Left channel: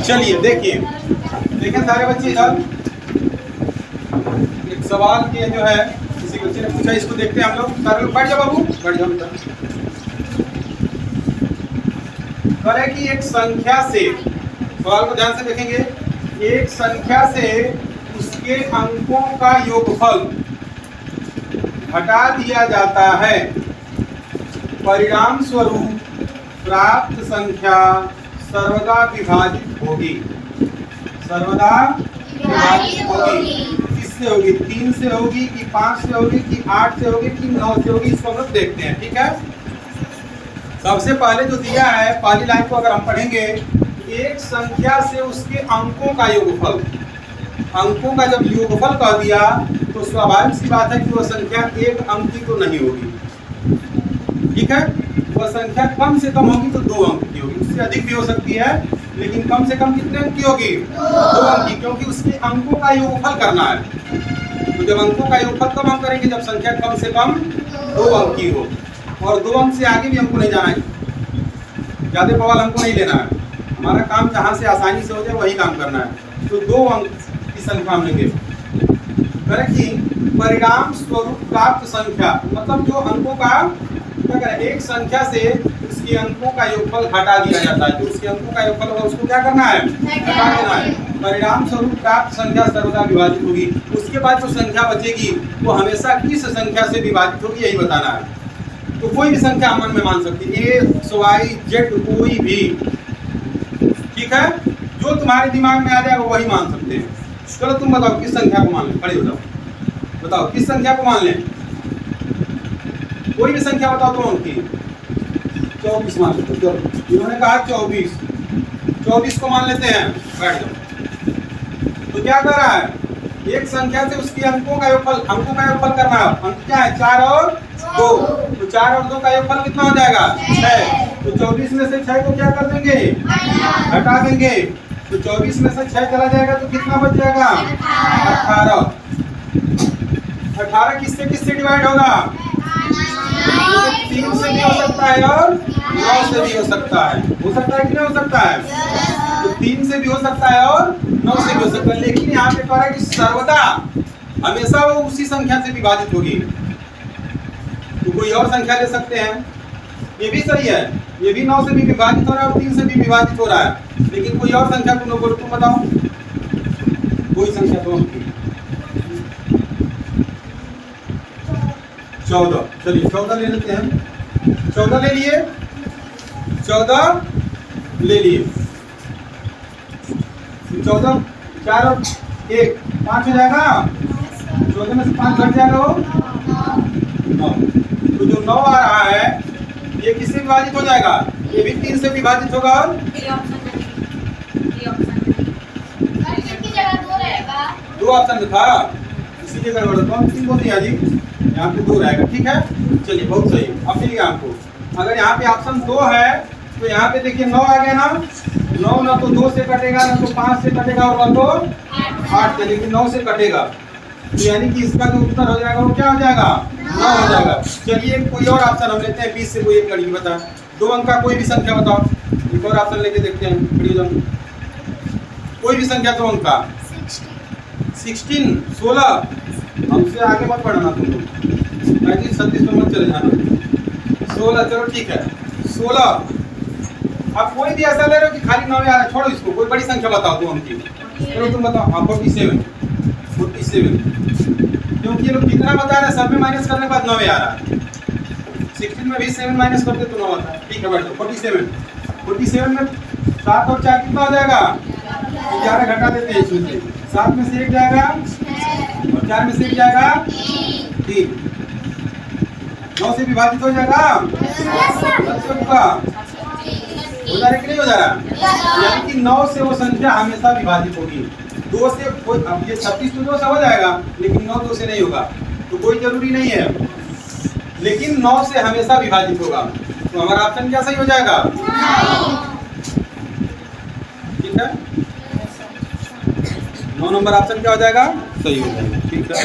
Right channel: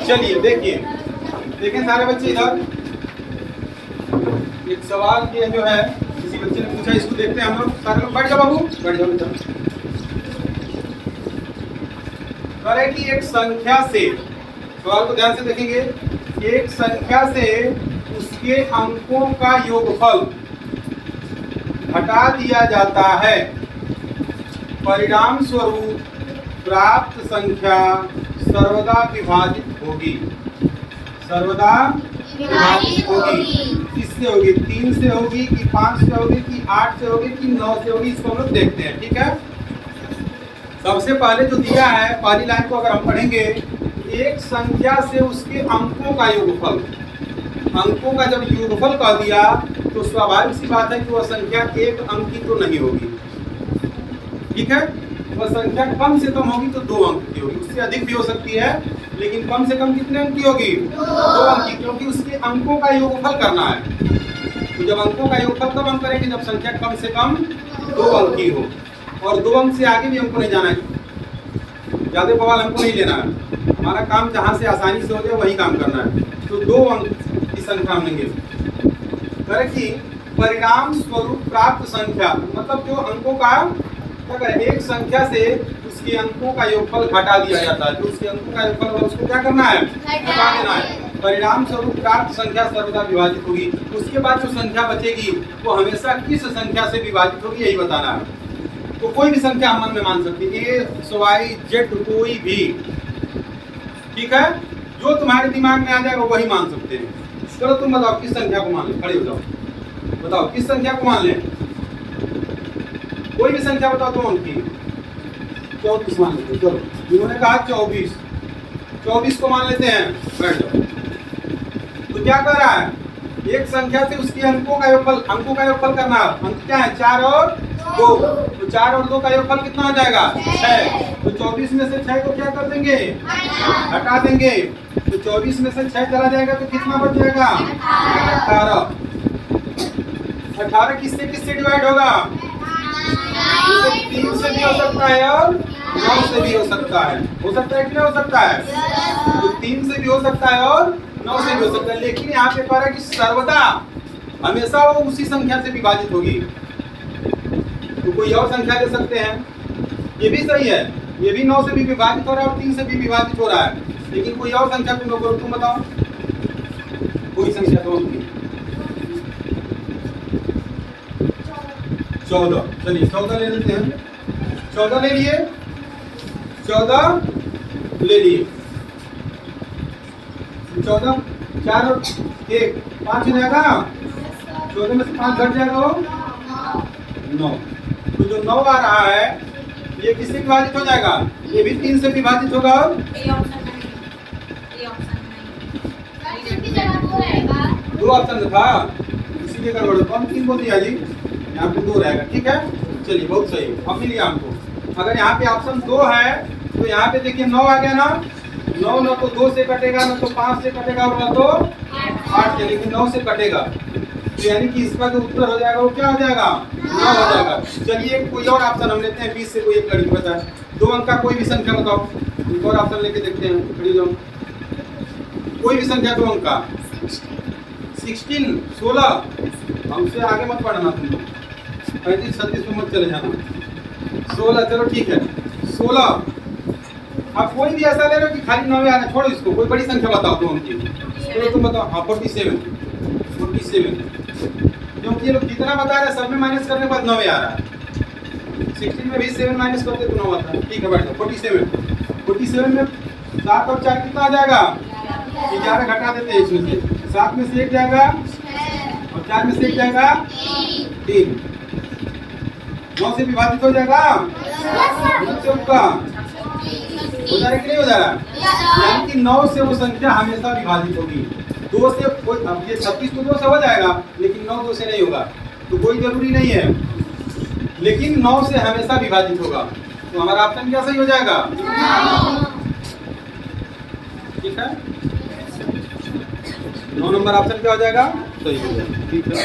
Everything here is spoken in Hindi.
चलिए देखिए, देखें सारे बच्चे इधर एक सवाल के जो है किसी बच्चे ने पूछा, इसको देखते हैं हम लोग। सारे लोग बैठ जाओ बाबू, बैठ जाओ बेटा। करे कि एक संख्या से, सवाल को ध्यान से देखेंगे, एक संख्या से उसके अंकों का योगफल हटा दिया जाता है, परिणाम स्वरूप प्राप्त संख्या सर्वदा विभाजित होगी। सर्वदा विभाजित होगी। किससे होगी? 3 से होगी कि 5 से होगी कि 8 से होगी कि 9 से होगी, इसको हम लोग देखते हैं। ठीक है, सबसे पहले जो दिया है पहली लाइन को अगर हम पढ़ेंगे, एक संख्या से उसके अंकों का योगफल, अंकों का जब योगफल कह दिया तो स्वाभाविक सी बात है कि वह संख्या एक अंक की तो नहीं होगी। ठीक है, वह संख्या कम से कम होगी तो 2 अंक की होगी, उससे अधिक भी हो सकती है, लेकिन कम से कम कितने अंक की होगी? 2 अंक की, क्योंकि उसके अंकों का योगफल करना है। तो जब अंकों का योगफल कब हम करेंगे? जब संख्या कम से कम 2 अंक की हो, और 2 अंक से आगे भी हमको नहीं जाना है, ज्यादा बवाल हमको नहीं लेना है। हमारा काम जहाँ से आसानी से हो जाए वही काम करना है। तो 2 अंक की संख्या हम लेंगे। परिणाम स्वरूप प्राप्त संख्या, मतलब जो अंकों का क्या करें, एक संख्या से उसके अंकों का योगफल घटा दिया जाता है। जो उसके अंकों का योगफल होगा उसको क्या करना है? घटा देना है। परिणाम स्वरूप प्राप्त संख्या सर्वदा विभाजित होगी। उसके बाद जो संख्या बचेगी वो हमेशा किस संख्या से विभाजित होगी, यही बताना है। तो कोई भी संख्या हम मन में मान सकते हैं, X, Y, Z, कोई भी। ठीक है, जो तुम्हारे दिमाग में आ जाएगा वही मान सकते हैं। चलो तुम बताओ किस संख्या को मान लें, खड़े हो जाओ, बताओ किस संख्या को मान लें? कोई भी संख्या बताओ तुम उनकी। 24 मान लेते हैं। चलो, इन्होंने कहा 24 को मान लेते हैं, बैठ जाओ। तो क्या कर रहा है? एक संख्या से उसके अंकों का योगफल, अंकों का योगफल करना है। अंक क्या है? 4 और 2। तो 4 और 2 का योगफल कितना हो जाएगा? 6। तो 24 में से 6 को क्या कर देंगे? हटा देंगे। तो 24 में से 6 चला जाएगा तो कितना बच जाएगा? 18। 18 किससे किससे डिवाइड होगा? 3 से भी हो सकता है और 9 से भी हो सकता है। हो सकता है कि नहीं हो सकता है? तो 3 से भी हो सकता है और 9 से भी हो सकता है, लेकिन यहाँ पे कह रहा है कि सर्वदा, हमेशा वो उसी संख्या से विभाजित होगी। तो कोई और संख्या ले सकते हैं, ये भी सही है, ये भी 9 से भी विभाजित हो रहा है और 3 से भी विभाजित हो रहा है, लेकिन कोई और संख्या तुम लोग बोलो, तुम बताओ कोई संख्या तो हमकी 14। चलिए 14 ले लेते हैं। 14 ले लिए, 14 ले लिए। 14, 4 और 1, 5 हो जाएगा। 14 में से 5 घट जाएगा, वो 9। तो जो 9 आ रहा है ये किससे विभाजित हो जाएगा? ये भी 3 से विभाजित होगा। और 2 ऑप्शन था, इसीलिए गड़बड़ होता है। 3 बोलती है जी, यहाँ पे 2 रहेगा। ठीक है, चलिए बहुत सही। अब मिल गया हमको। अगर यहाँ पे ऑप्शन 2 है तो यहाँ पे देखिए 9 आ गया ना। 9 ना तो 2 से कटेगा, ना तो 5 से कटेगा, और ना तो 8 से, लेकिन 9 से कटेगा। तो यानी कि इसका जो उत्तर हो जाएगा वो क्या हो जाएगा? 9 हो जाएगा। चलिए कोई और ऑप्शन हम लेते हैं, 20 से कोई एक लड़की बताए, 2 अंक का कोई भी संख्या बताओ। एक और ऑप्शन लेके देखते हैं, कोई भी संख्या 2 अंक का। 16 हमसे आगे मत बढ़ना तुम लोग, 35 36 में मत चले जाना। 16, चलो ठीक है 16। अब कोई भी ऐसा ले लो कि खाली 9 आ रहा है, छोड़ो इसको, कोई बड़ी संख्या बताओ 2 अंक की। चलो तुम बताओ। हाँ 47, क्योंकि ये लोग कितना बता रहे हैं, सब में माइनस करने के बाद 9 आ रहा है। 16 में भी 7 माइनस करते तो 9 आता है। ठीक है बैठ जाओ। 47 में 7 और 4 कितना आ जाएगा? 11 घटा देते हैं इसमें से। 7 में से 1 जाएगा और 4 में से 1 जाएगा 3। 9 से विभाजित हो जाएगा हो जा रहा है कि नहीं हो जा रहा? यानी कि 9 से वो संख्या हमेशा विभाजित होगी। 2 से कोई, अब ये 36 तो 2 से हो जाएगा, लेकिन 9 2 से नहीं होगा, तो कोई जरूरी नहीं है, लेकिन 9 से हमेशा विभाजित होगा। तो हमारा ऑप्शन क्या सही हो जाएगा? ठीक है, 9 नंबर ऑप्शन क्या हो जाएगा? सही हो जाएगा। ठीक है।